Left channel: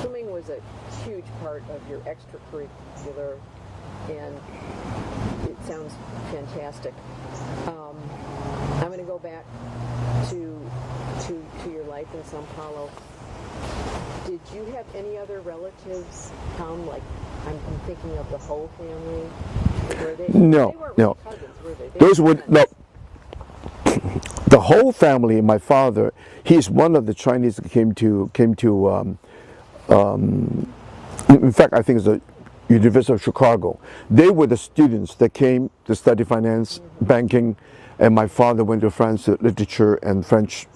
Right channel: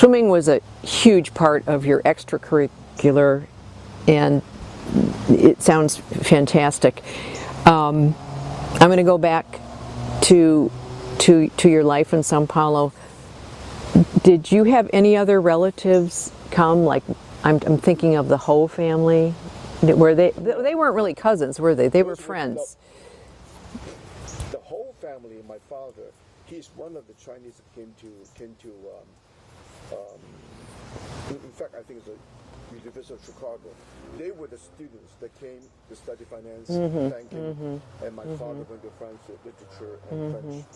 swimming was a huge part of your extracurricular, and it sounds fantastic. I'm going to go back to your life in Sao Paulo. Did you have any other relatives come? Like, I'm thinking of the Ho family. Were they? No, they weren't really no. cousins, were they? They were friends. No, the whole family. My father, he's one of the Chinese that came to. In fact, I think it's the University of Chicago. They were the students that came to study finance, banking, and my father went to France to literature and French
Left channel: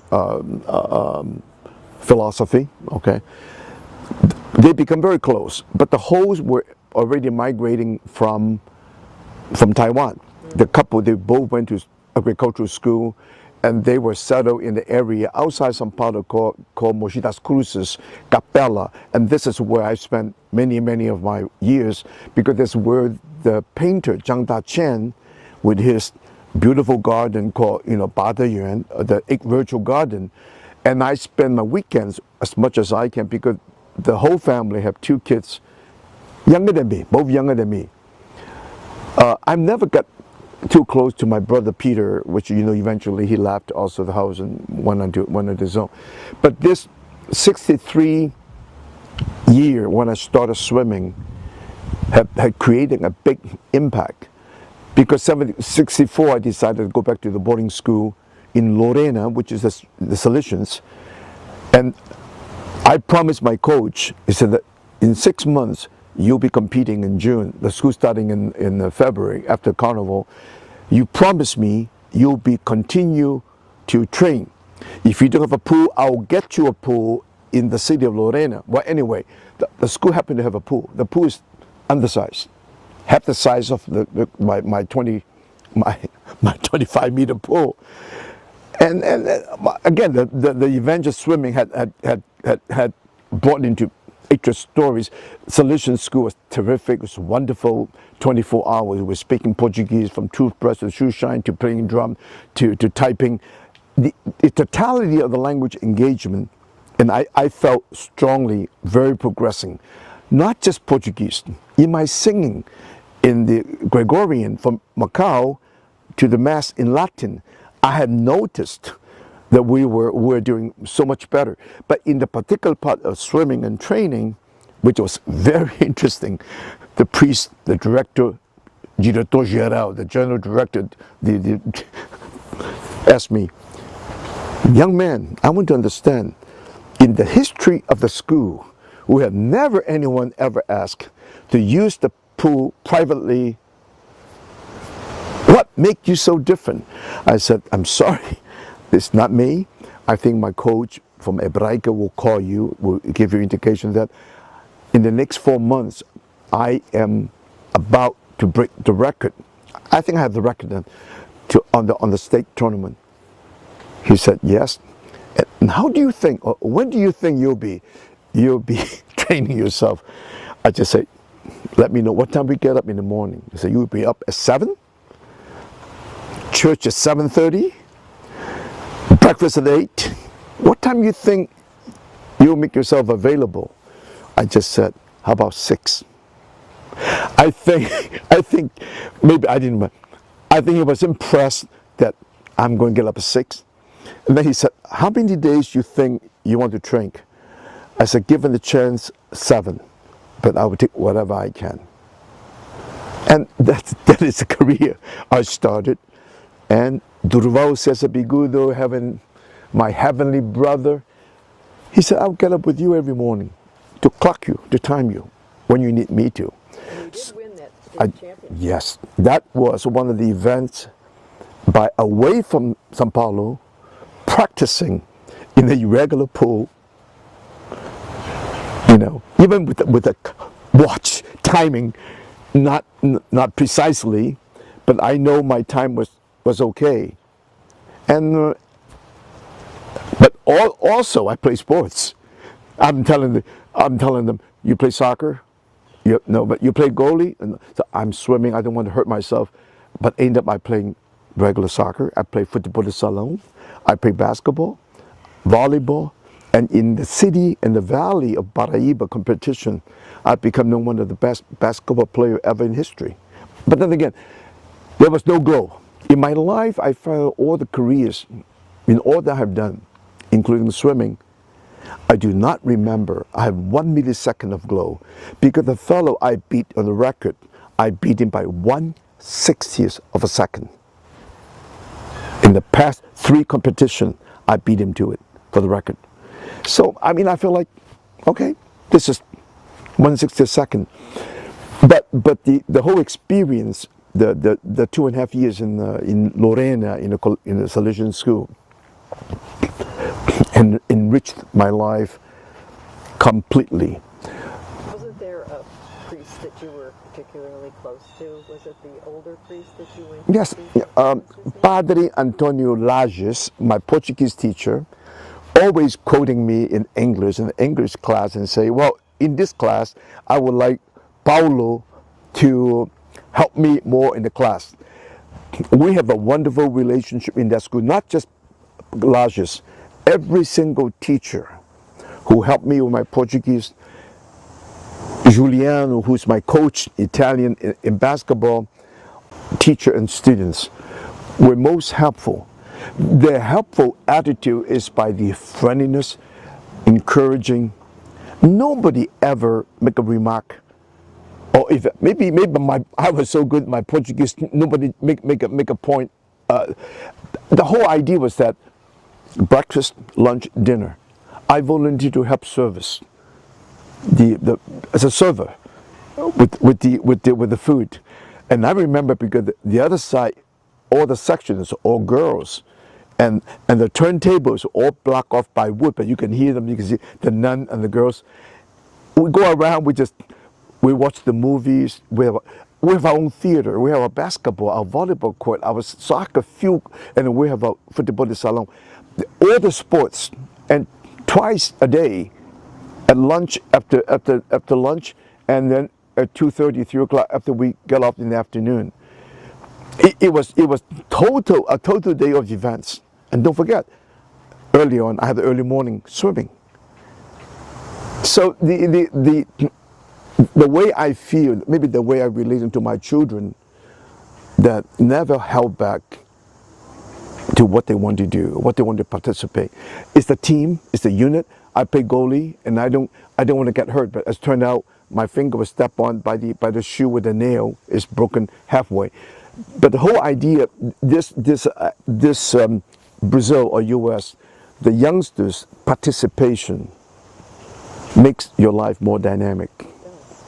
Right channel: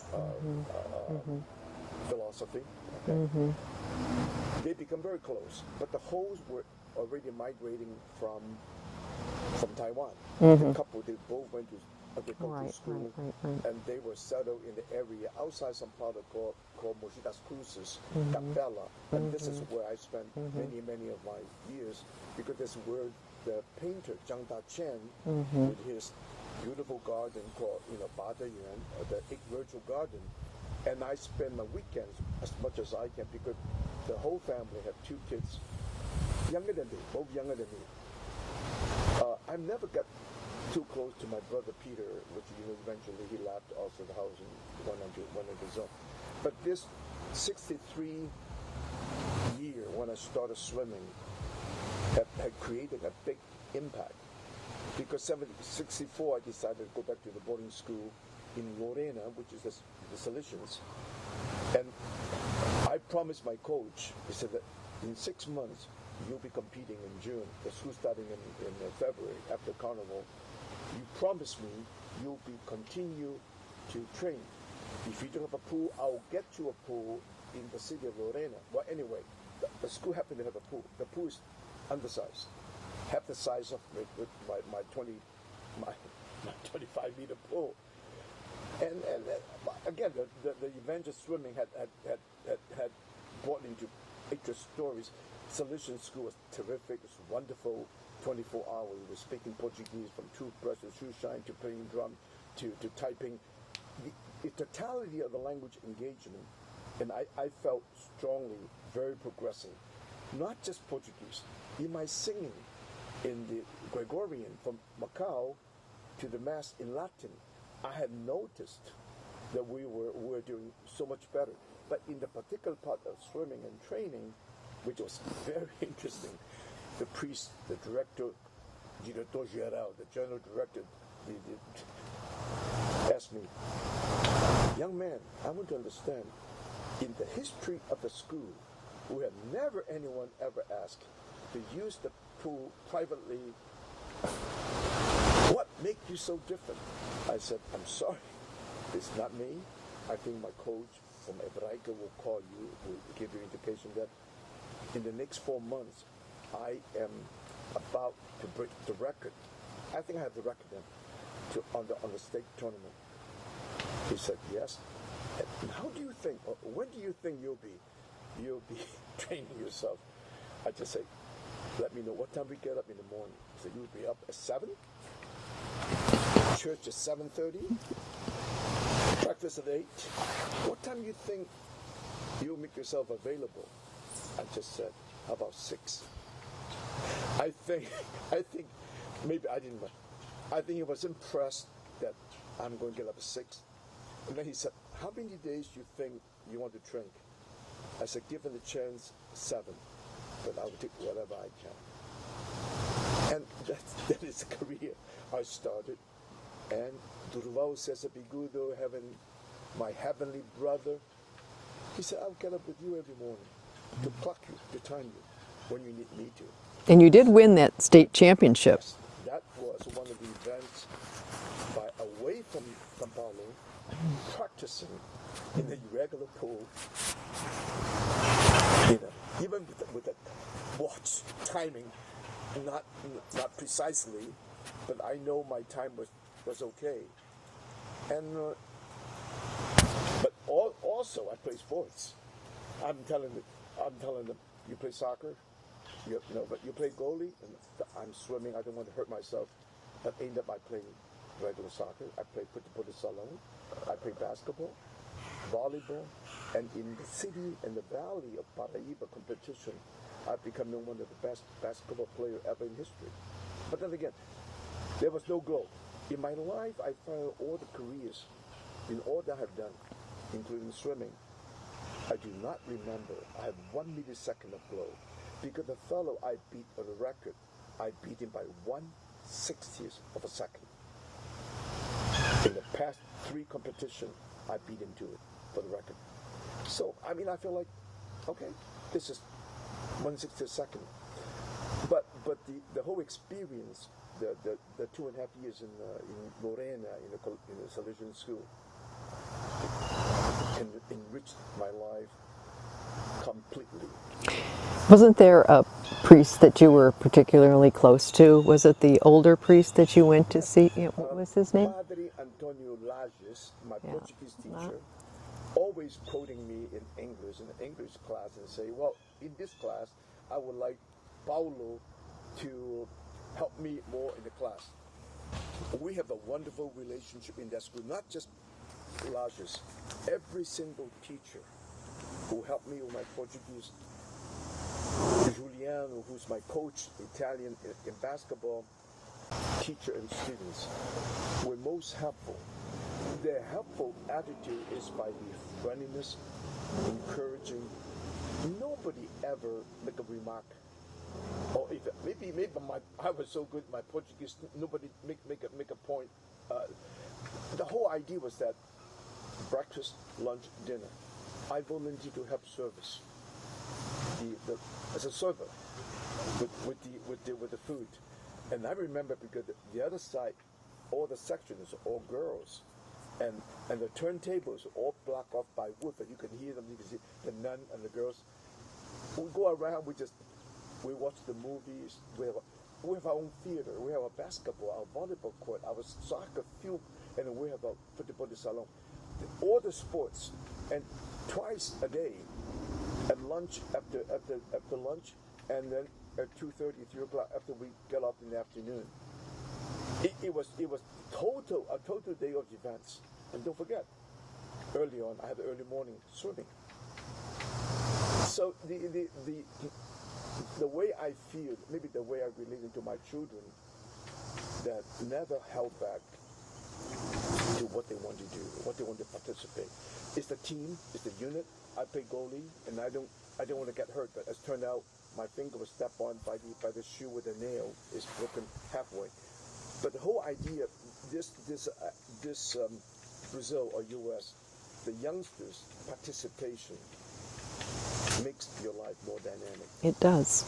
philosophy. Okay, they become very close. But the Hos were already migrating from Taiwan. The couple, they both went to agricultural school, and they were settled in the area outside Sao Paulo called Mogi das Cruzes, Capella, and this is where I spent many of my years, because that's where the painter Zhang Daqian, with his beautiful garden called Bada Yuan, the virtual garden, and I spend my weekends as much as I can, because the whole family have 2 kids younger than me, both younger than me. I've never got too close to my brother Peter, which eventually he left also the house and went on his own. But this 63 year when I started swimming had created a big impact, because 64 I decided to go back to the boarding school in Lorena, which is the Salesians, and I promised my coach, he said that in 6 months you'll be competing in June, the school starting in February after Carnival. You promise me you'll continue to train. If you don't have a pool, I'll get you a pool in the city of Lorena. Well, anyway, the school happened to have a pool. The pool is undersized, half the size of my 25-meter pool. And again, the evangelist swimming had brought into extra stories. Salesian school was terrific. It was wonderful. 24 hours. We were speaking Portuguese, from toothbrush to shoe shine to playing drum to typing. The totality of the language engagement, and I felt strongly very progressing. Not just Portuguese. In my singing, in the Gregorian from Macau to the Mass in Latin, I had noticed that we were doing so much better. But in the particular part of swimming and training, which was very interesting, the priest, the director, Diretor Geral, the general director, asked me, young man, I want to understand, in the history of the school, we have never anyone ever asked to use the pool privately. What makes you so different? I said, I'm sorry, it's not me. I think my coach from Hebraica will call you, will give you indication that in the next 4 months, I am about to break the record. I think I have the record then on the state tournament. He said, yes. And how do you think, or when do you think you'll be training yourself? I just say, let me know what time we get up in the morning. He said, you'll be up at 7, church at 7:30, breakfast at 8. What time do you think you'll make yourself available? I just said, how about 6? I think maybe I didn't. I think he was impressed that I'm going to get up at 6. And then he said, how many days you think you want to train? I said, given the chance, 7, but I will take whatever I can. And that is the career I started. And Durval Cesar Bigudo, having my heavenly brother, he said, I'll get up with you every morning to clock you, to time you when you need me to. And you did win that state championship. Yes, that was one of the events away from Sao Paulo, practicing in a irregular pool, even with a watch timing, not precisely, but I know my time was okay. And but also I play sports. I'm telling them, you play soccer? No, but you play goalie? And so I'm swimming, I don't want to hurt myself, but end up I playing regular soccer. I play football de salon, I play basketball, volleyball, And in the city and the valley of Paraíba competition, I've become known one of the best basketball players ever in history. But then again, there was no glow. In my life, I found all the careers, in all that I've done, including swimming, I do not remember. I have 1 millisecond of glow because the fellow I beat on the record, I beat him by 1/60th of a second. In the past 3 competitions, I beat him to it for the record. So, I mean, I feel like, okay, this is 1/60th second. But the whole experience, the 2.5 years in Lorena, in the Salesian school, and enriched my life completely. Wasn't there a priest that you were particularly close to? Was it the older priest that you went to Yes, see? What was his name? Padre Antonio Lages, my Portuguese teacher, always quoting me in the English class and say, well, in this class, I would like Paulo to help me more in the class. We have a wonderful relationship in that school, not just Lages. Every single teacher who helped me with my Portuguese, Juliano, who's my coach, Italian in basketball, teacher and students, were most helpful. Their helpful attitude is by the friendliness, encouraging. Nobody ever make a remark, or if maybe I was so good at my Portuguese, nobody make a point. The whole idea was that breakfast, lunch, dinner, I volunteered to help service. As a server with the food, and I remember because the other side, all the sections, all girls, and the turntables all blocked off by wood, but you can hear them. You can see the nun and the girls. We go around. We watch the movies. We have our own theater. We have our basketball, our volleyball court, our soccer field, and we have our football salon. All the sports, and twice a day. At lunch, after lunch, and then at 2:30, 3 o'clock after we get off in the afternoon. It was a total day of events. And don't forget, early on I had the early morning swimming. So the way I feel, maybe the way I relate to my children, that never held back to what they want to do, what they want to participate. It's the team, it's the unit. I play goalie, and I don't want to get hurt. But as it turned out, my finger was stepped on by the shoe with a nail. It's broken halfway. But the whole idea, this Brazil or U.S., the youngsters' participation makes your life more dynamic. It does.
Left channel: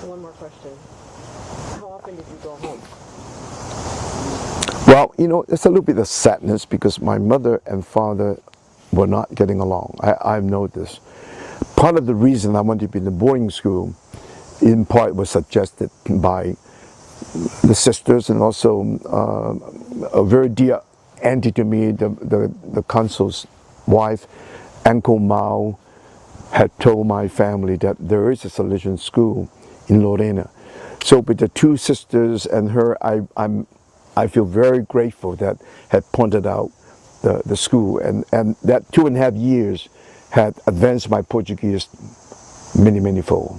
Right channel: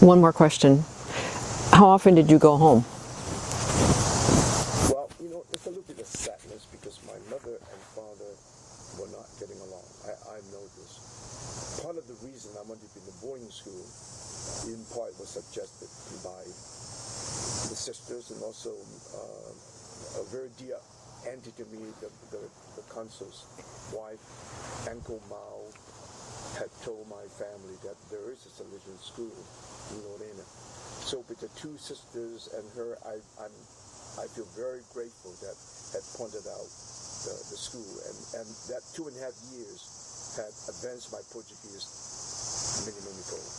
One more question. How often did you go home? Well, it's a little bit of sadness because my mother and father were not getting along. I've known this. Part of the reason I wanted to be in the boarding school, in part, was suggested by the sisters, and also a very dear auntie to me, the consul's wife, Uncle Mao, had told my family that there is a Salesian school in Lorena. So with the 2 sisters and her, I feel very grateful that had pointed out the school, and that 2.5 years had advanced my Portuguese many fold.